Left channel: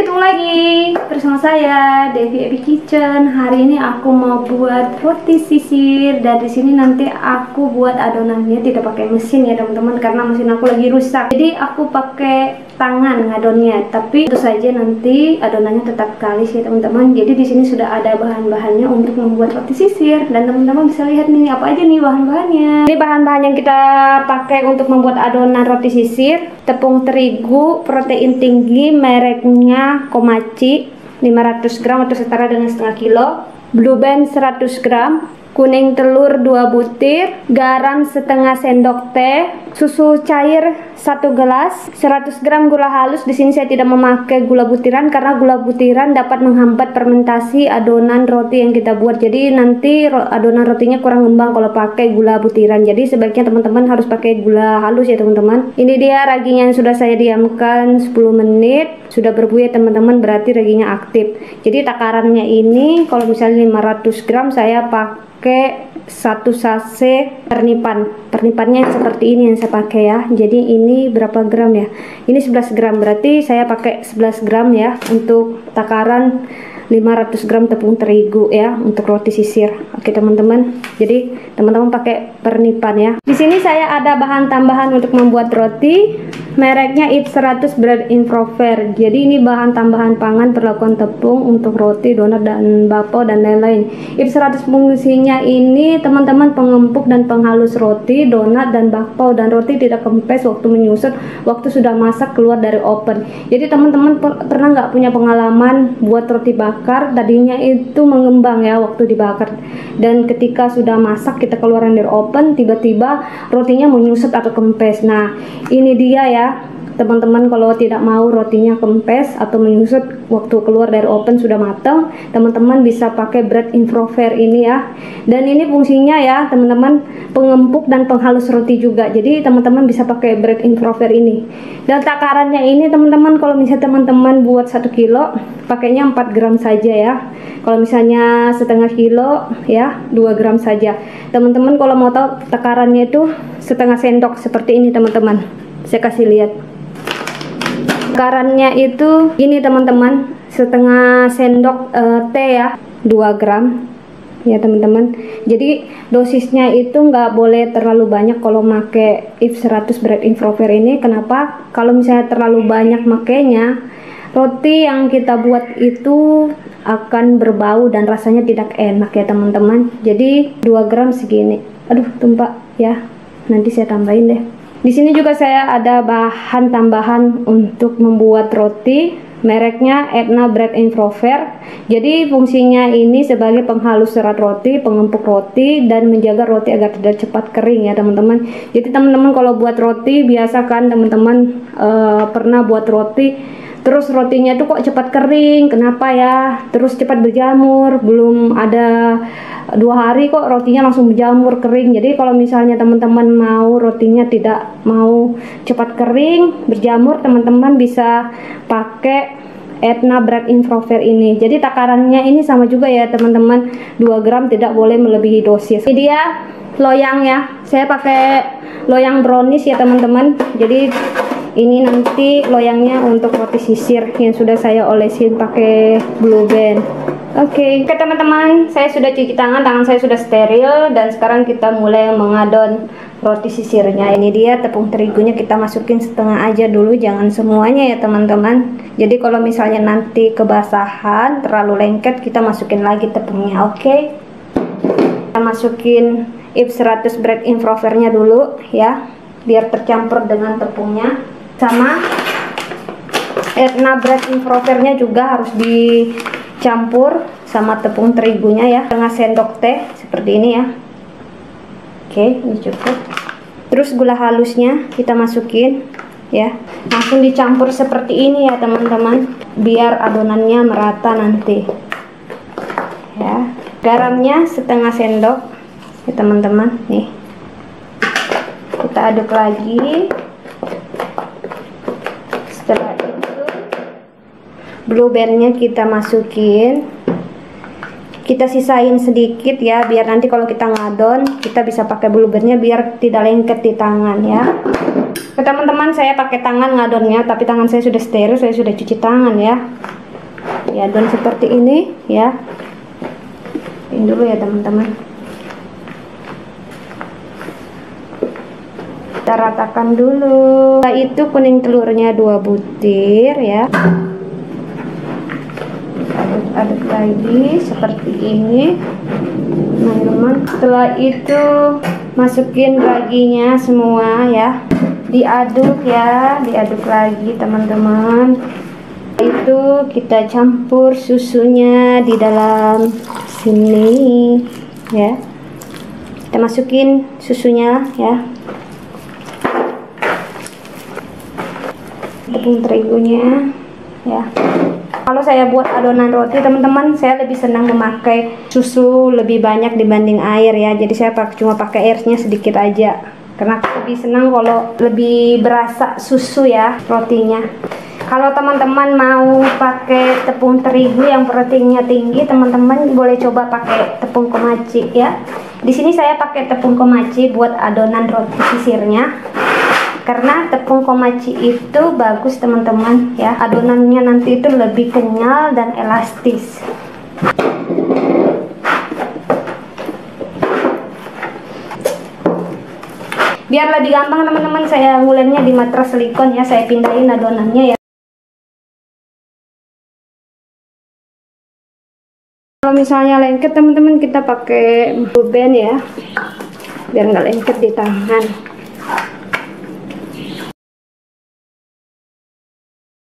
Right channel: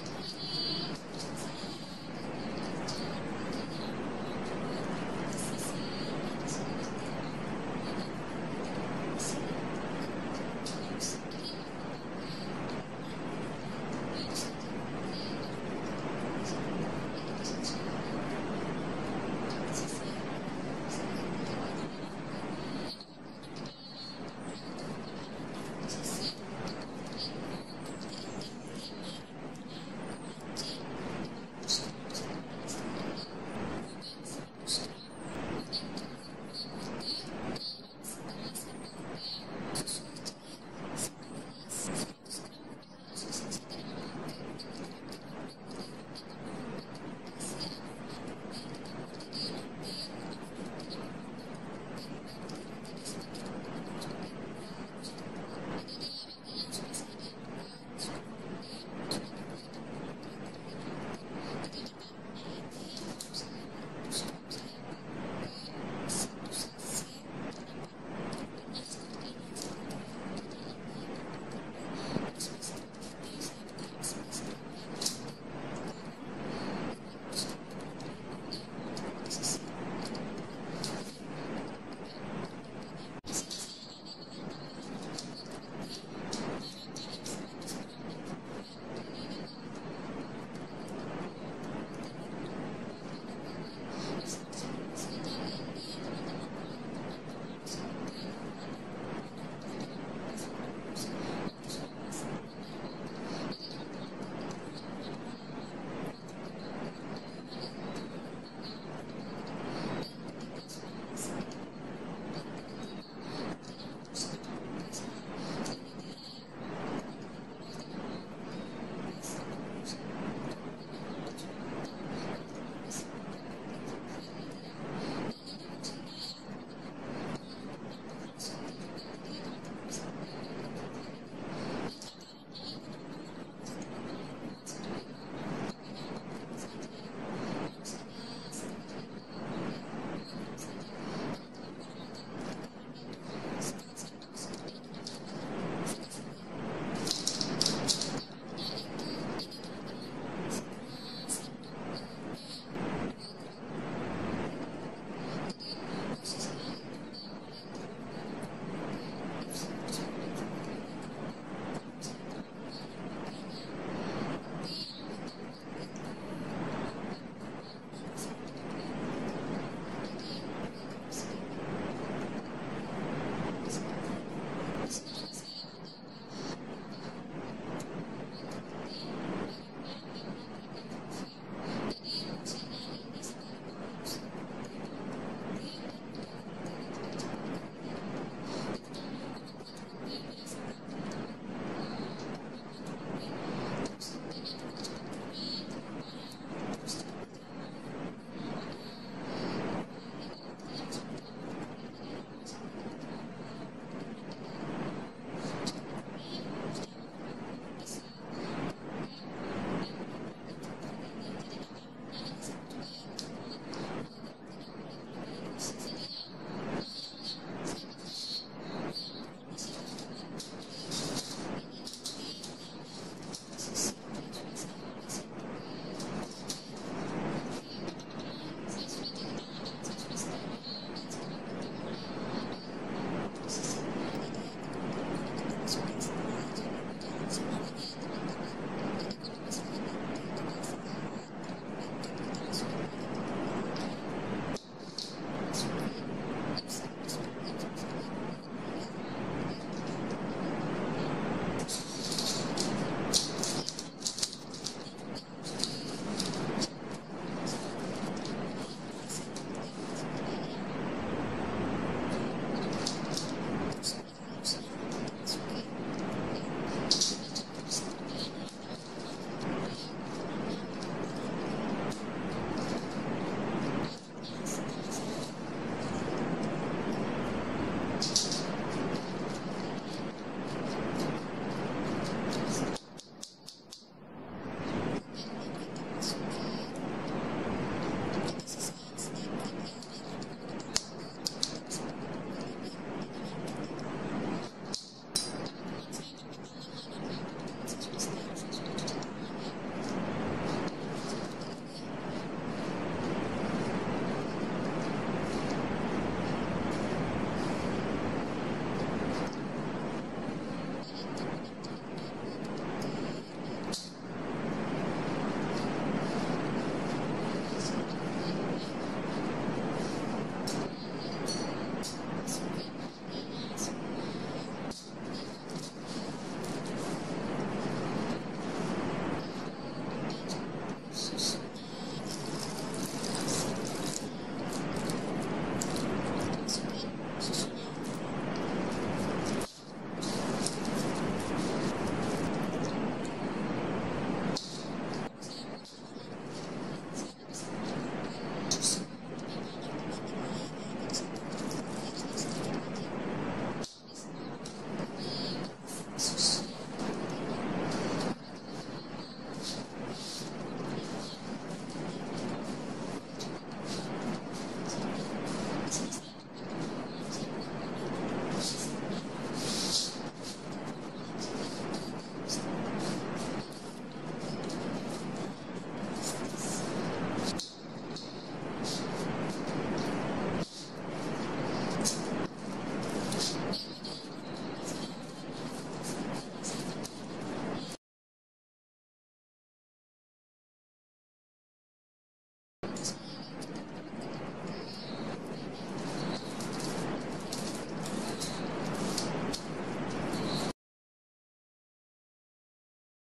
ketemu lagi bersama saya Devi Ebi Kitchen. Hari ini aku mau buat roti sisir dan di sini nanti aku buat adonannya tidak pakai mesin ya teman-teman, karena mesin aku lagi rusak. Jadi aku pakai tangan ngadonnya, tapi tentu saja nanti adonannya tetap kalis ya teman-teman. Jadi di sini sudah ada bahan-bahannya untuk membuat roti sisir dan teman-teman bisa lihat nih apa aja nih bahan-bahannya. Ini bahan-bahan yang kita pakai untuk membuat adonan roti sisir: tepung terigu protein tinggi mereknya Komachi 500 gram atau setara dengan setengah kilo, blue band 100 gram, kuning telur 2 butir, garam setengah sendok teh, susu cair 1 gelas, 100 gram gula halus. Di sini saya tidak memakai gula butiran karena gula butiran dapat menghambat fermentasi adonan roti yang kita buat. Jadi nanti adonan rotinya kurang ngembang kalau pakai gula butiran. Jadi sebaiknya teman-teman harus pakai gula halus ya teman-teman. Ini dia raginya yang sudah saya diamkan 10 menit. Sudah berbuih teman-teman, berarti raginya aktif. Jadi takarannya ini kalau misalnya 500 gram saya pakai 1 sachet pernipan. Pernipannya seperti ini yang saya pakai ya. Jadi ini berapa gram ya? Ini 11 gram, berarti saya pakai 11 gram ya untuk takaran 500 gram tepung terigu ya untuk roti sisir. Oke teman-teman, jadi teman-teman pakai pernipan ya. Di sini saya ada bahan tambahan untuk membuat roti, mereknya Yves 100 Bread Improver. Jadi ini bahan tambahan pangan perlakuan tepung untuk roti, donat dan bakpao dan lain-lain. Yves 100 fungsinya ini teman-teman pengempuk dan penghalus roti, donat dan bakpao, dan roti tidak kempes waktu menyusut waktu sudah masak keluar dari oven. Jadi teman-teman pernah nggak punya pengalaman buat roti bakar, tadinya itu mengembang ya waktu dibakar, dan ketika sudah masak kita keluarin dari oven tiba-tiba rotinya menyusut atau kempes. Nah ini dia ya teman-teman, kalau tidak mau rotinya kempes atau menyusut waktu keluar dari oven sudah matang, teman-teman bisa pakai Bread Improver ini ya. Dan ini fungsinya ya teman-teman pengempuk dan penghalus roti juga. Jadi teman-teman bisa pakai Bread Improver ini. Dan takarannya ini teman-teman, kalau misalnya teman-teman buat 1 kilo pakainya 4 gram saja ya. Kalau misalnya setengah kilo ya 2 gram saja. Teman-teman kalau mau tahu takarannya itu setengah sendok seperti ini teman-teman. Saya kasih lihat. Takarannya itu ini teman-teman, setengah sendok teh ya, 2 gram ya teman-teman. Jadi dosisnya itu nggak boleh terlalu banyak kalau pakai Yves 100 Bread Improver ini. Kenapa? Kalau misalnya terlalu banyak makainya, roti yang kita buat itu akan berbau dan rasanya tidak enak ya teman-teman. Jadi 2 gram segini. Aduh tumpah ya, nanti saya tambahin deh. Di sini juga saya ada bahan tambahan untuk membuat roti, mereknya Edna Bread Improver. Jadi fungsinya ini sebagai penghalus serat roti, pengempuk roti, dan menjaga roti agar tidak cepat kering ya teman-teman. Jadi teman-teman kalau buat roti, biasakan teman-teman pernah buat roti terus rotinya tuh kok cepat kering, kenapa ya? Terus cepat berjamur, belum ada 2 hari kok rotinya langsung berjamur kering. Jadi kalau misalnya teman-teman mau rotinya tidak mau cepat kering berjamur, teman-teman bisa pakai Edna Bread Improver ini. Jadi takarannya ini sama juga ya teman-teman, 2 gram, tidak boleh melebihi dosis. Ini dia loyang ya, saya pakai loyang brownies ya teman-teman. Jadi ini nanti loyangnya untuk roti sisir yang sudah saya olesin pakai blue band. Oke teman-teman, saya sudah cuci tangan, tangan saya sudah steril, dan sekarang kita mulai mengadon roti sisirnya. Ini dia tepung terigunya, kita masukin setengah aja dulu, jangan semuanya ya teman-teman. Jadi kalau misalnya nanti kebasahan terlalu lengket, kita masukin lagi tepungnya. Oke, kita masukin Yves 100 Bread Improvernya dulu ya, biar tercampur dengan tepungnya. Sama Edna Bread Improvernya juga harus dicampur sama tepung terigunya ya, setengah sendok teh seperti ini ya. Oke, ini cukup. Terus gula halusnya kita masukin ya, langsung dicampur seperti ini ya teman-teman, biar adonannya merata nanti ya. Garamnya setengah sendok ya teman-teman, nih kita aduk lagi. Setelah itu blue bandnya kita masukin, kita sisain sedikit ya, biar nanti kalau kita ngadon kita bisa pakai blue bandnya biar tidak lengket di tangan ya. Teman-teman, saya pakai tangan ngadonnya, tapi tangan saya sudah steril, saya sudah cuci tangan ya. diadon seperti ini ya. Ini dulu ya teman-teman, kita ratakan dulu. Setelah itu kuning telurnya 2 butir ya, aduk-aduk lagi seperti ini teman-teman. Setelah itu masukin raginya semua ya, diaduk ya, diaduk lagi teman-teman. Itu kita campur susunya di dalam sini ya, kita masukin susunya ya, tepung terigunya ya. Kalau saya buat adonan roti teman-teman, saya lebih senang memakai susu lebih banyak dibanding air ya. Jadi saya cuma pakai airnya sedikit aja, karena aku lebih senang kalau lebih berasa susu ya rotinya. Kalau teman-teman mau pakai tepung terigu yang proteinnya tinggi, teman-teman boleh coba pakai tepung komachi ya. Di sini saya pakai tepung komachi buat adonan roti sisirnya, karena tepung komachi itu bagus teman-teman ya, adonannya nanti itu lebih kenyal dan elastis. Biar lebih gampang teman-teman, saya ngulennya di matras silikon ya, saya pindahin adonannya ya. Kalau misalnya lengket teman-teman, kita pakai blue band ya, biar nggak lengket di tangan.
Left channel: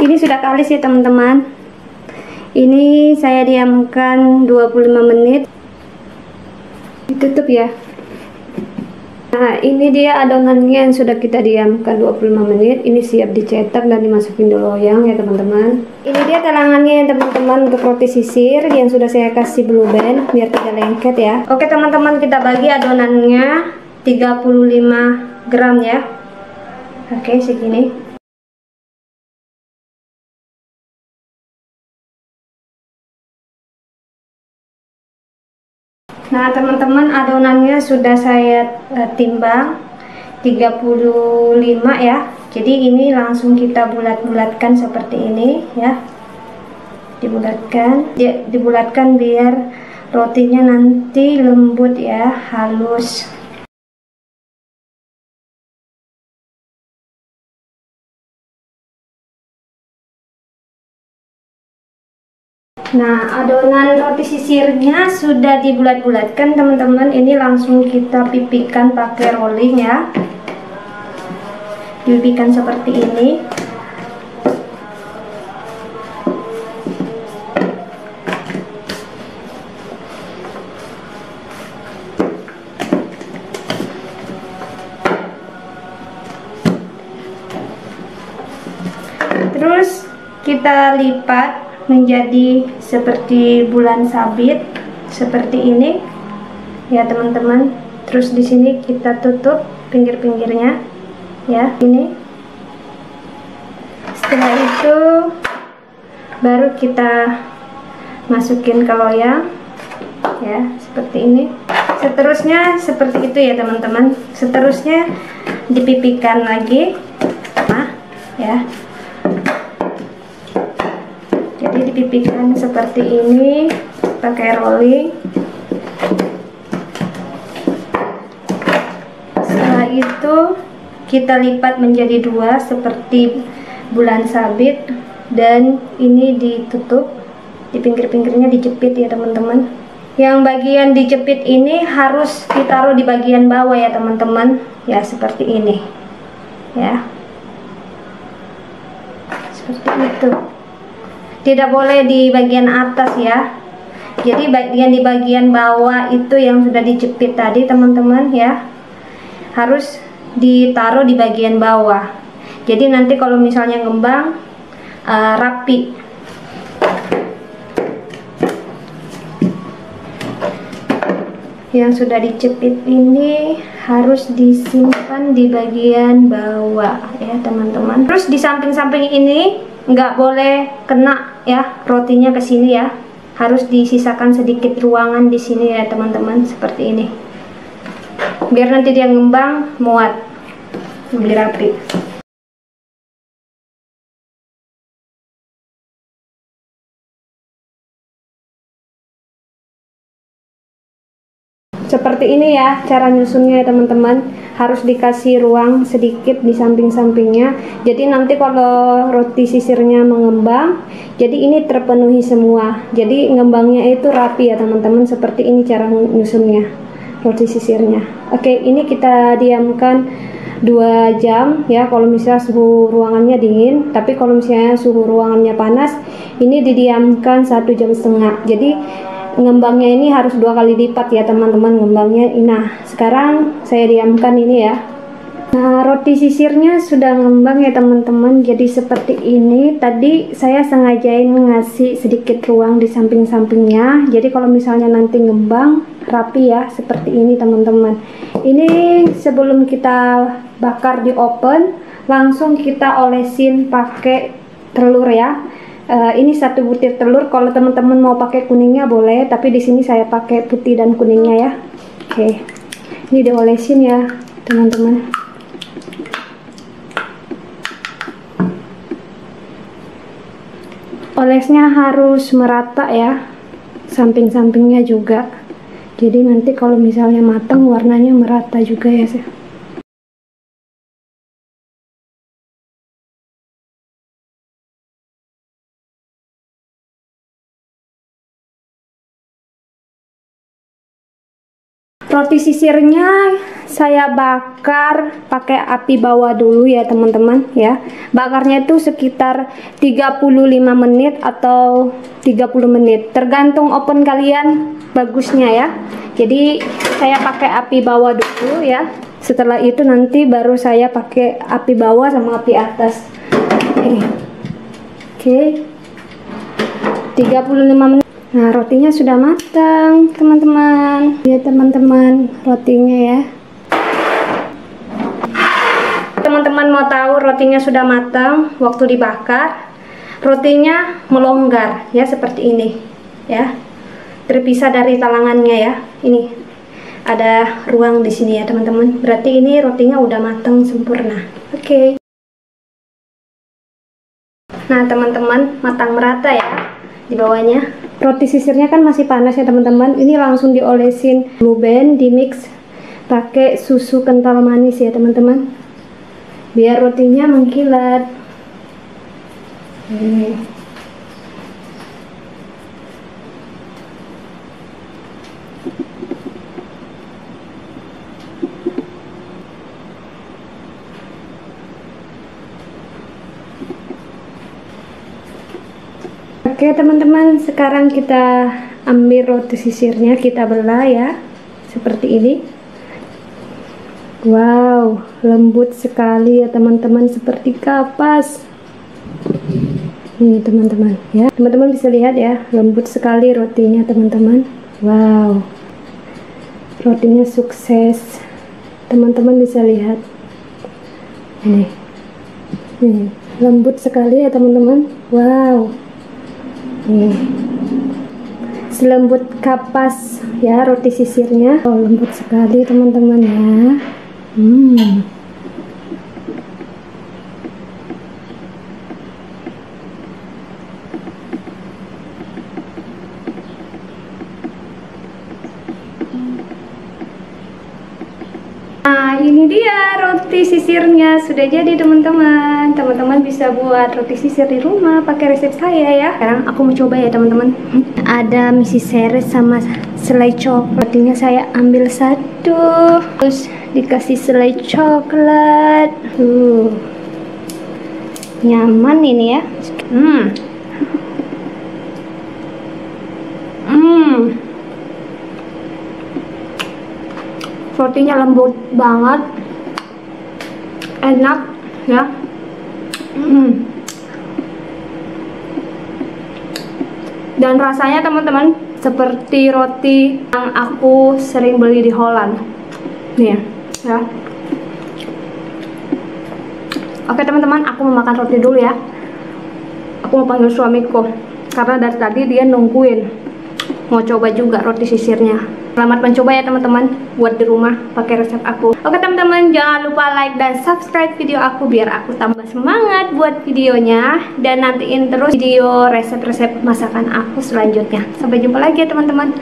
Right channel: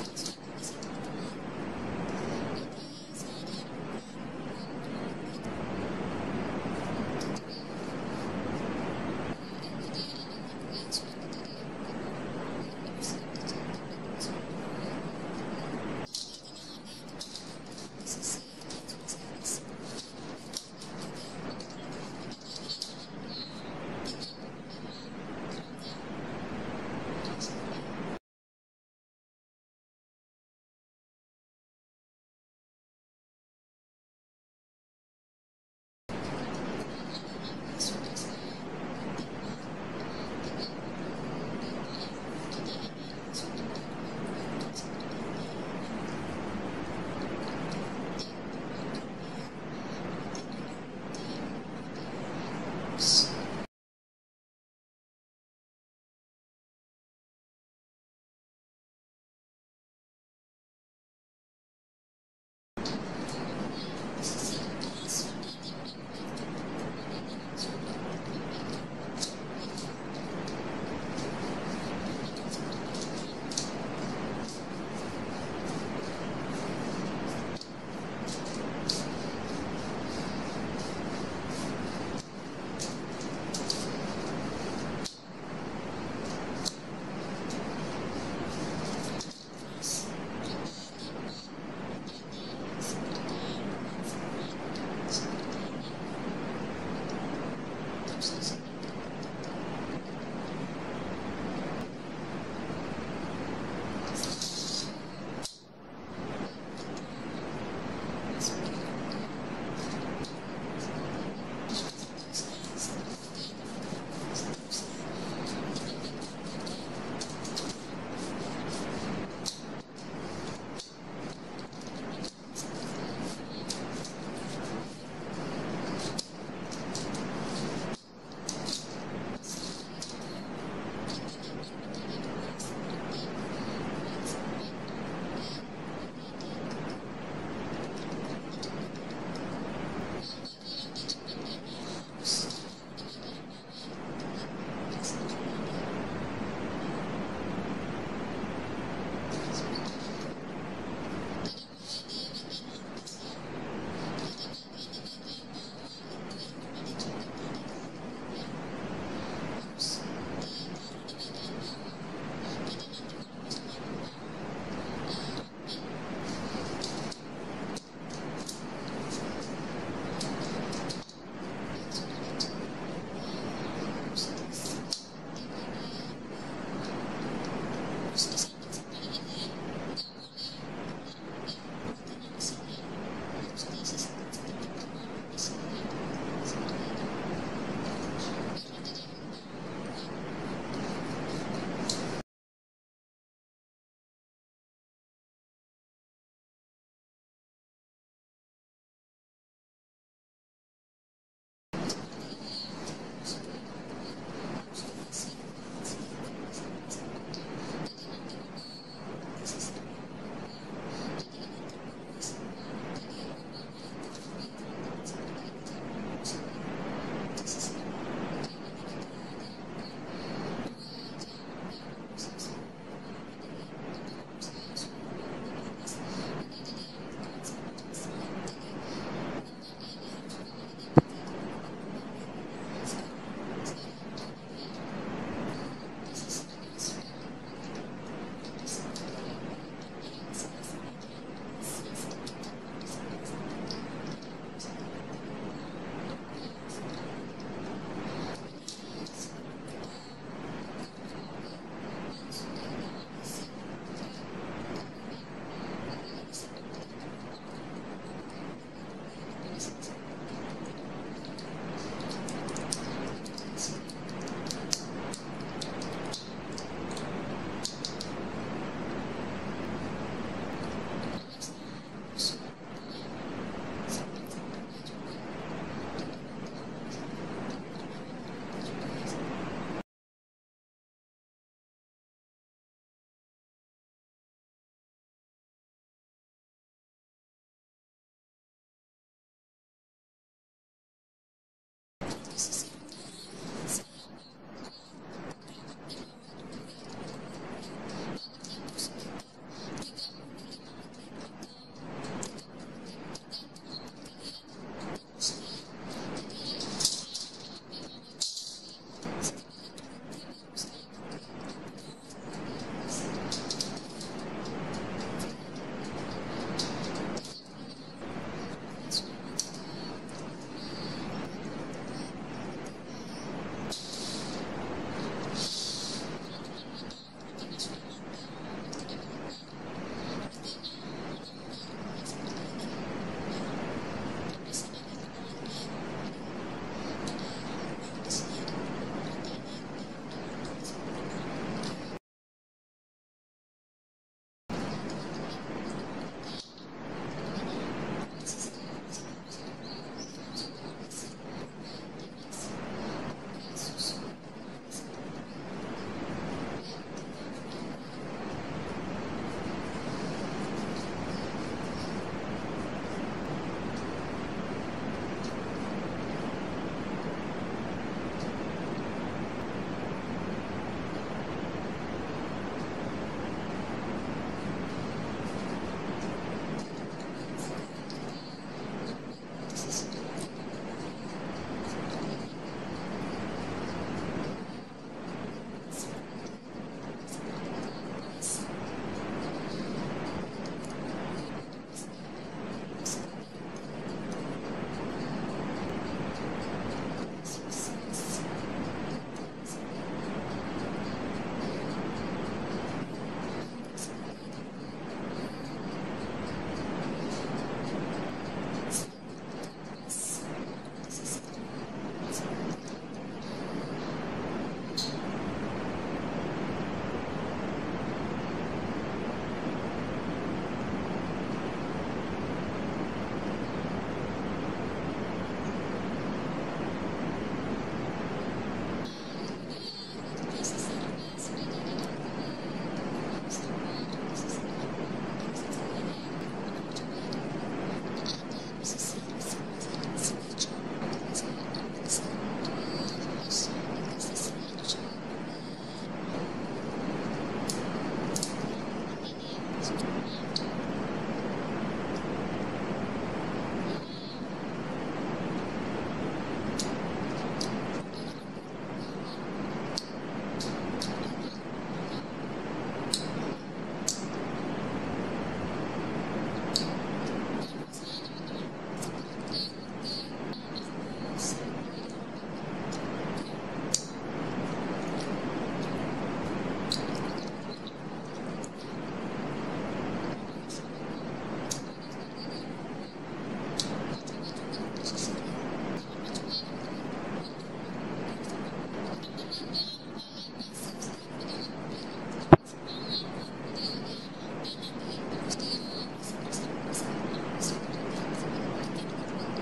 Ini sudah kalis ya teman-teman. Ini saya diamkan 25 menit. Tutup ya. Nah, ini dia adonannya yang sudah kita diamkan 25 menit. Ini siap dicetak dan dimasukin di loyang ya teman-teman. Ini dia talangannya ya teman-teman, untuk roti sisir yang sudah saya kasih blue band biar tidak lengket ya. Oke teman-teman, kita bagi adonannya 35 gram ya. Oke, segini. Nah teman-teman, adonannya sudah saya timbang 35 ya. Jadi ini langsung kita bulat-bulatkan seperti ini ya. Dibulatkan biar rotinya nanti lembut ya, halus. Nah, adonan roti sisirnya sudah dibulat-bulatkan teman-teman. Ini langsung kita pipihkan pakai rolling ya. Dipipihkan seperti ini. Terus kita lipat menjadi seperti bulan sabit seperti ini ya teman-teman. Terus di sini kita tutup pinggir-pinggirnya ya, ini. Setelah itu baru kita masukin ke loyang ya, seperti ini. Seterusnya seperti itu ya teman-teman. Seterusnya dipipihkan lagi ya. Jadi dipipihkan seperti ini pakai rolling. Setelah itu kita lipat menjadi 2 seperti bulan sabit, dan ini ditutup, di pinggir-pinggirnya dijepit ya teman-teman. Yang bagian dijepit ini harus ditaruh di bagian bawah ya teman-teman ya, seperti ini ya, seperti itu. Tidak boleh di bagian atas ya. Jadi di bagian bawah itu yang sudah dijepit tadi teman-teman ya, harus ditaruh di bagian bawah. Jadi nanti kalau misalnya ngembang rapi. Yang sudah dijepit ini harus disimpan di bagian bawah ya teman-teman. Terus di samping-samping ini nggak boleh kena ya rotinya ke sini ya, harus disisakan sedikit ruangan di sini ya teman-teman, seperti ini, biar nanti dia ngembang muat lebih rapi. seperti ini ya cara nyusunnya ya teman-teman. Harus dikasih ruang sedikit di samping-sampingnya. Jadi nanti kalau roti sisirnya mengembang, jadi ini terpenuhi semua. Jadi ngembangnya itu rapi ya teman-teman. Seperti ini cara nyusunnya roti sisirnya. Oke, ini kita diamkan 2 jam ya kalau misalnya suhu ruangannya dingin. Tapi kalau misalnya suhu ruangannya panas, ini didiamkan 1,5 jam. Jadi ngembangnya ini harus 2 kali lipat ya teman-teman ngembangnya. Nah sekarang saya diamkan ini ya. Nah roti sisirnya sudah ngembang ya teman-teman, jadi seperti ini. Tadi saya sengajain ngasih sedikit ruang di samping-sampingnya, jadi kalau misalnya nanti ngembang rapi ya seperti ini teman-teman. Ini sebelum kita bakar di oven, langsung kita olesin pakai telur ya. Ini 1 butir telur. Kalau teman-teman mau pakai kuningnya boleh, tapi di sini saya pakai putih dan kuningnya ya. Oke, ini diolesin ya teman-teman. Olesnya harus merata ya, samping-sampingnya juga. Jadi nanti kalau misalnya matang warnanya merata juga ya. Roti sisirnya saya bakar pakai api bawah dulu ya teman-teman ya. Bakarnya itu sekitar 35 menit atau 30 menit, tergantung oven kalian bagusnya ya. Jadi saya pakai api bawah dulu ya. Setelah itu nanti baru saya pakai api bawah sama api atas. Oke. 35 menit. Nah rotinya sudah matang teman-teman ya teman-teman, rotinya ya. Teman-teman mau tahu rotinya sudah matang waktu dibakar, rotinya melonggar ya seperti ini ya, terpisah dari talangannya ya. Ini ada ruang di sini ya teman-teman, berarti ini rotinya udah matang sempurna. Oke. Nah teman-teman, matang merata ya di bawahnya. Roti sisirnya kan masih panas ya teman-teman. Ini langsung diolesin Blue Band, di mix pakai susu kental manis ya teman-teman, biar rotinya mengkilat. Oke teman-teman, sekarang kita ambil roti sisirnya, kita belah ya seperti ini. Wow, lembut sekali ya teman-teman, seperti kapas. Ini teman-teman ya, teman-teman bisa lihat ya, lembut sekali rotinya teman-teman. Wow, rotinya sukses, teman-teman bisa lihat. Ini lembut sekali ya teman-teman. Wow, nih selembut kapas ya roti sisirnya. Oh, lembut sekali teman-teman ya. Nah ini dia roti sisirnya sudah jadi teman-teman. Teman-teman bisa buat roti sisir di rumah pakai resep saya ya. Sekarang aku mau coba ya teman-teman. Ada misi seres sama selai coklat. Rotinya saya ambil 1, terus dikasih selai coklat. Nyaman ini ya. Rotinya lembut banget, enak ya. Dan rasanya teman-teman seperti roti yang aku sering beli di Holland nih ya. Oke teman-teman, aku mau makan roti dulu ya. Aku mau panggil suamiku karena dari tadi dia nungguin mau coba juga roti sisirnya. Selamat mencoba ya teman-teman, buat di rumah pakai resep aku. Oke teman-teman, jangan lupa like dan subscribe video aku biar aku tambah semangat buat videonya, dan nantiin terus video resep-resep masakan aku selanjutnya. Sampai jumpa lagi ya teman-teman.